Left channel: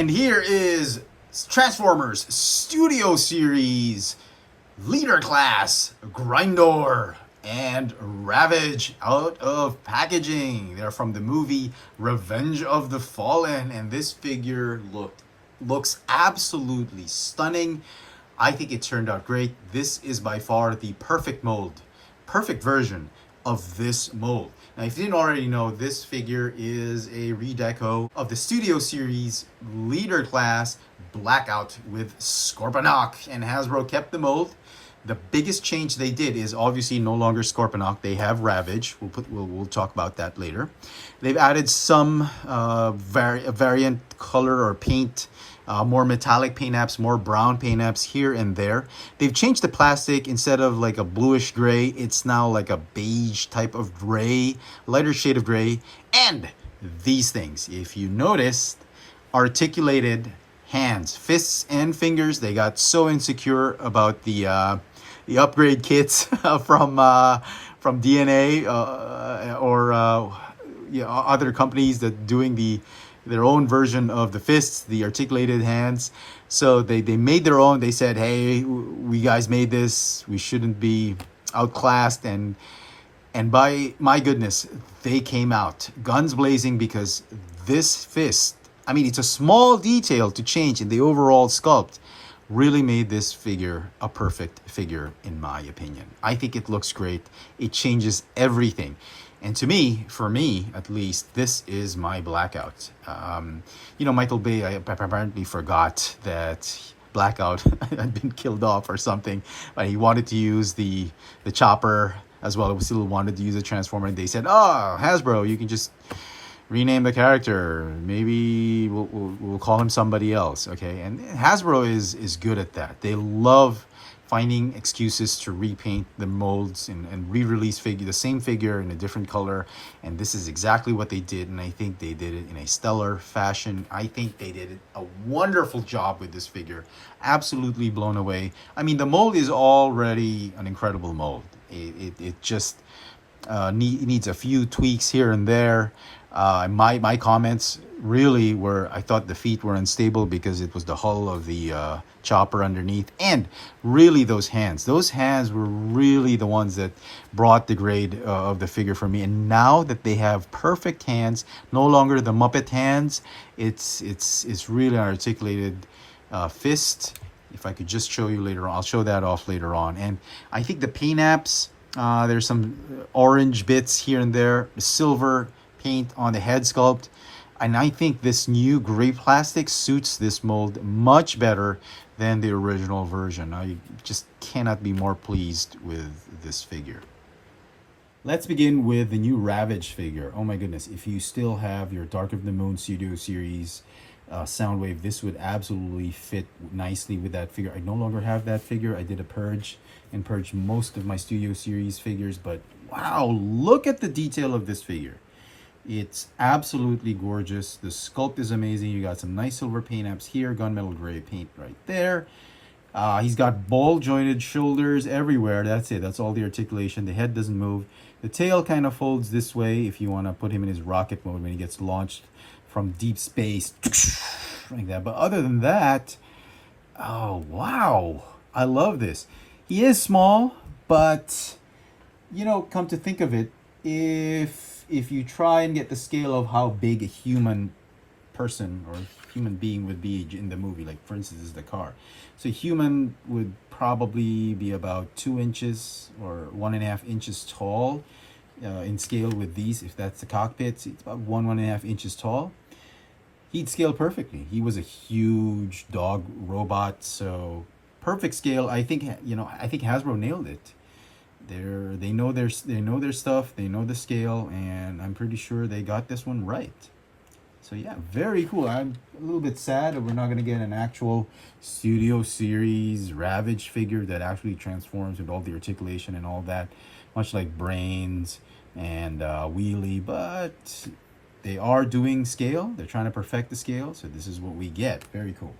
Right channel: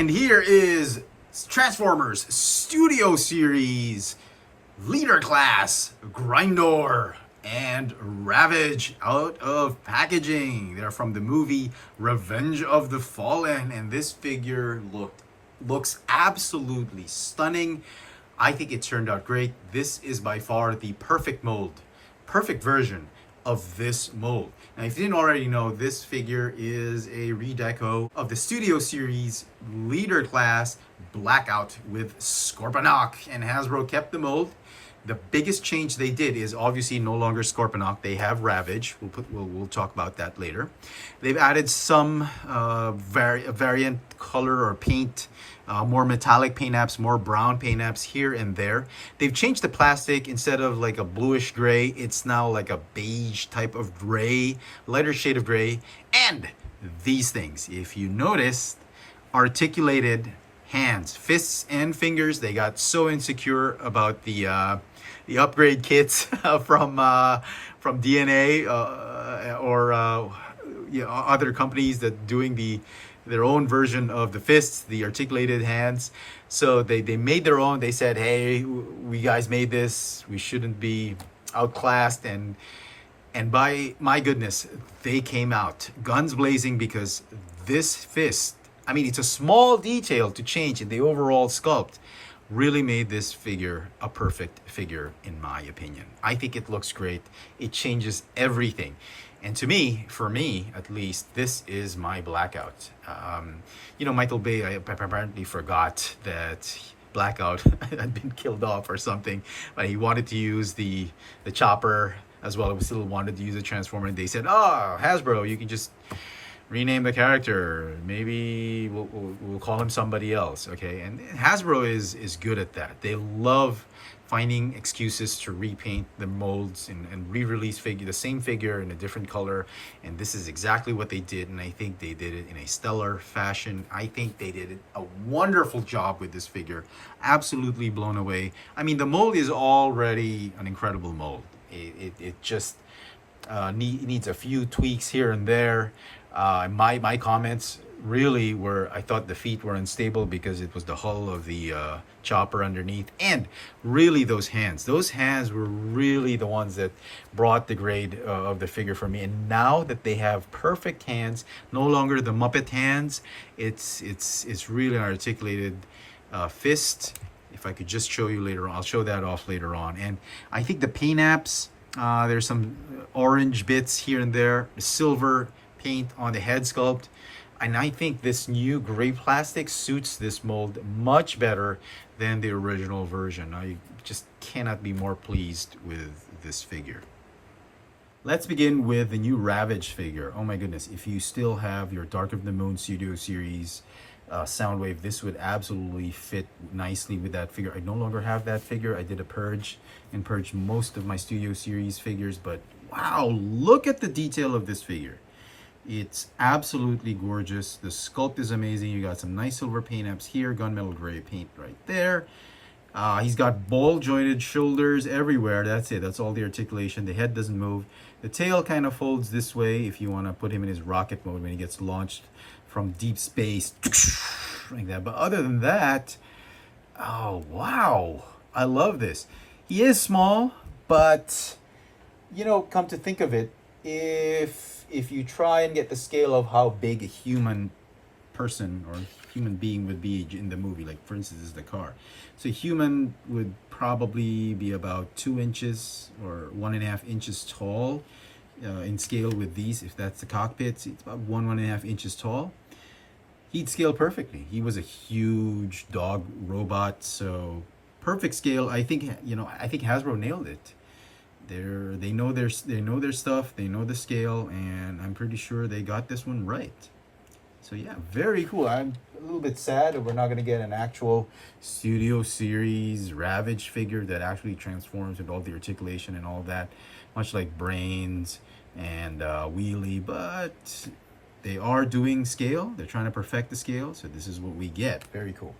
And here is Transformers Studio Series Leader Class Grindor and Ravage out of packaging. They're from the movie Revenge of the Fallen, and this figure looks absolutely stunning. I think it turned out great. This is by far the perfect mold, perfect version of this mold. Now, if you didn't already know, this figure is a redeco of the Studio Series Leader Class Blackout with Scorponok, and Hasbro kept the mold. The biggest change they did is obviously no longer Scorponok. They have Ravage. We'll talk about that later. They've added some variant color or paint, more metallic paint apps, more brown paint apps here and there. They've changed the plastic. Instead of like a bluish gray, it's now like a beige type of gray, lighter shade of gray. And these things, if you notice, articulated hands, fists and fingers. They got so insecure about the upgrade kits from DNA or other companies that doing their own version of the fists, the articulated hands. So they made their own. They said, hey, we guys made this. We shouldn't be outclassed. And by my goodness, they came out guns blazing, because this fist, I mean, it's a small detail to change in the overall sculpt, really made this figure a perfect figure, in my opinion. I think it looks great. It changes everything. And to me, for me at least, this is my Blackout. Michael Bay, I apparently forgot that Blackout had been killed off or something, but he wanted to use the chopper as well. He still wanted to use a Transformer, and they said, oh, Hasbro, you can just rename the character. Maybe we'll call him somebody else, okay? And Hasbro is good at that. They love finding excuses to repaint the molds and re-release the same figure in a different color. And this is exactly what they did, and I think they did it in a stellar fashion. I think they did a wonderful job with this figure. Absolutely blown away. I mean, the mold is already an incredible mold. It just needs a few tweaks here and there. My comments really were, I thought the feet were unstable because it was the hull of the chopper underneath, and really those hands were really the ones that brought the grade of the figure for me. And now that they have perfect hands, no longer the Muppet hands, it's really an articulated fist. If I could just show you later on, I'll show that off later on. And I think the paint apps, there's some orange bits here and there, silver paint on the head sculpt, and I think this new gray plastic suits this mold much better than the original version. I just cannot be more pleased with this figure. Let's begin with the new Ravage figure. Oh my goodness, if you still have your Dark of the Moon Studio Series Soundwave, this would absolutely fit nicely with that figure. I no longer have that figure. I did a purge and purged most of my Studio Series figures, but wow, look at the detail of this figure. It's absolutely gorgeous. The sculpt is amazing. You got some nice silver paint apps here, gunmetal gray paint right there. He's got ball jointed shoulders everywhere. That's it. That's all the articulation. The head doesn't move. The tail kind of folds this way if you want to put him in his rocket mode when he gets launched from deep space, like that. But other than that, oh wow, I love this. He is small, but come to think of it, if you try and get the scale of how big a human person or human being would be in the movie, like for instance, this is the car. So a human would probably be about 2 inches or 1.5 inches tall in scale with these. If that's the cockpit, it's about 1.5 inches tall. He'd scale perfectly. He was a huge dog robot, so perfect scale. I think Hasbro nailed it. They know their stuff, they know the scale, and I'm pretty sure they got this one right. So yeah, very cool. I'm a little bit sad that we're not going to get an actual Studio Series Ravage figure that actually transforms with all the articulation and all that, much like Brains and Wheelie, but they are doing scale. They're trying to perfect the scale, so this is what we get. Very cool.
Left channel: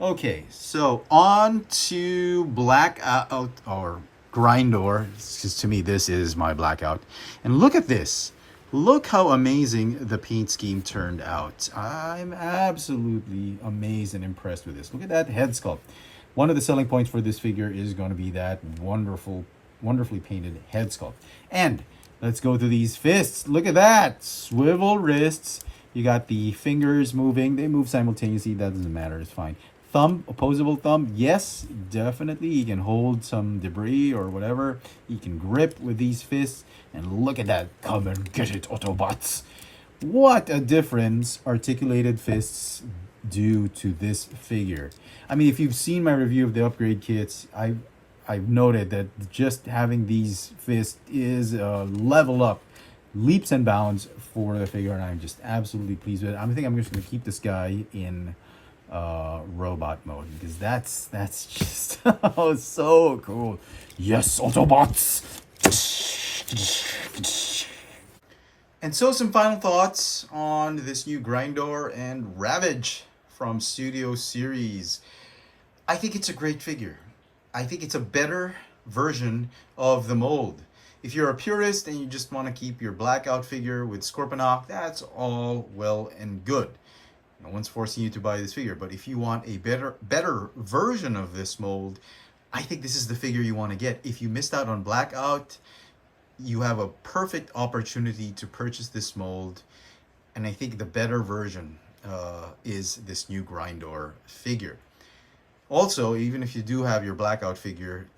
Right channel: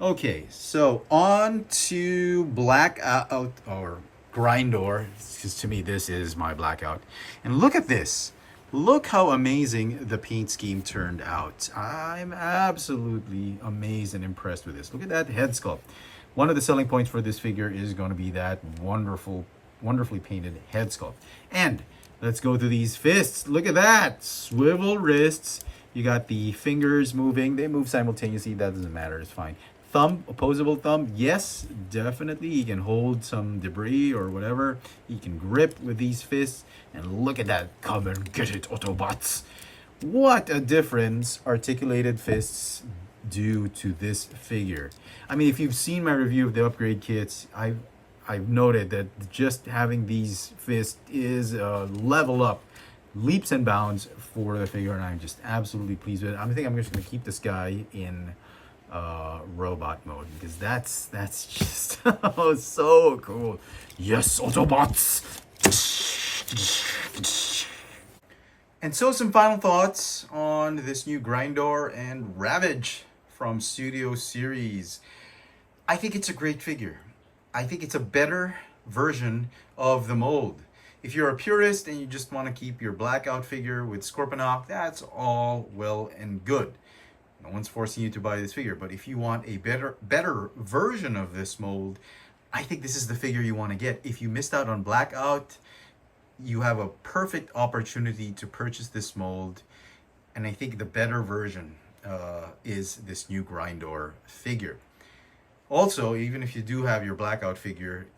Okay, so on to Blackout, or Grindor, because to me this is my Blackout. And look at this. Look how amazing the paint scheme turned out. I'm absolutely amazed and impressed with this. Look at that head sculpt. One of the selling points for this figure is going to be that wonderfully painted head sculpt. And let's go to these fists. Look at that. Swivel wrists. You got the fingers moving. They move simultaneously. That doesn't matter. It's fine. Thumb, opposable thumb. Yes, definitely. He can hold some debris or whatever. He can grip with these fists. And look at that. Come and get it, Autobots. What a difference articulated fists do to this figure. I mean, if you've seen my review of the upgrade kits, I've noted that just having these fists is a level up, leaps and bounds for the figure, and I'm just absolutely pleased with it. I think I'm just going to keep this guy in robot mode because that's just oh, so cool. Yes, Autobots. And so some final thoughts on this new Grindor and Ravage from Studio Series. I think it's a great figure. I think it's a better version of the mold. If you're a purist and you just want to keep your Blackout figure with Scorponok, that's all well and good. No one's forcing you to buy this figure, but if you want a better version of this mold, I think this is the figure you want to get. If you missed out on Blackout, you have a perfect opportunity to purchase this mold, and I think the better version is this new Grindor figure. Also, even if you do have your Blackout figure,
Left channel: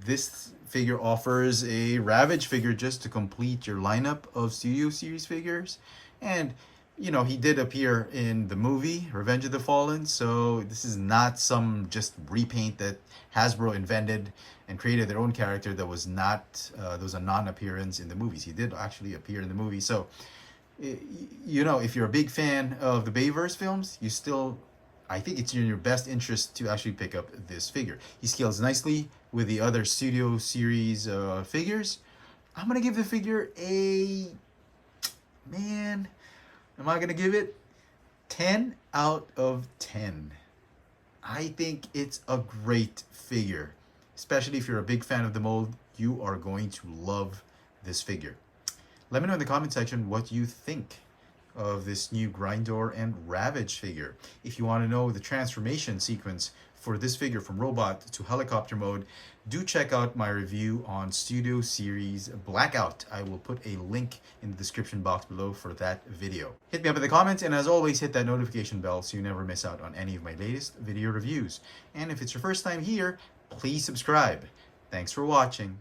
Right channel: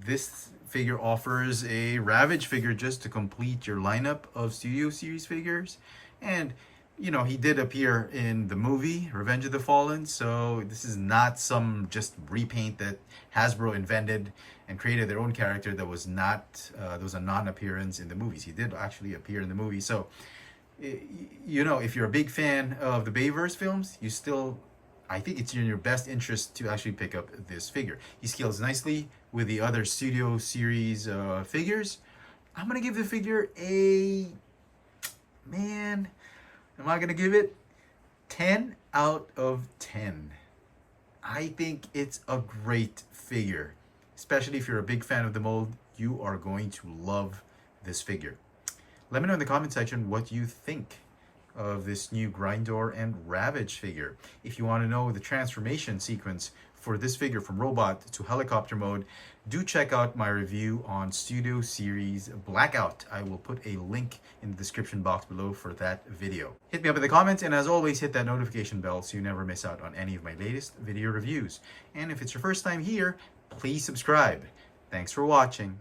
this figure offers a Ravage figure just to complete your lineup of Studio Series figures. And, you know, he did appear in the movie, Revenge of the Fallen, so this is not some just repaint that Hasbro invented and created their own character that was not, there was a non-appearance in the movies. He did actually appear in the movie. So, you know, if you're a big fan of the Bayverse films, you still, I think it's in your best interest to actually pick up this figure. He scales nicely with the other Studio Series figures. I'm going to give the figure a, man, am I going to give it 10 out of 10. I think it's a great figure. Especially if you're a big fan of the mold, you are going to love this figure. Let me know in the comment section what you think of this new Grindor and Ravage figure. If you want to know the transformation sequence for this figure from robot to helicopter mode, do check out my review on Studio Series Blackout. I will put a link in the description box below for that video. Hit me up in the comments, and as always, hit that notification bell so you never miss out on any of my latest video reviews. And if it's your first time here, please subscribe. Thanks for watching.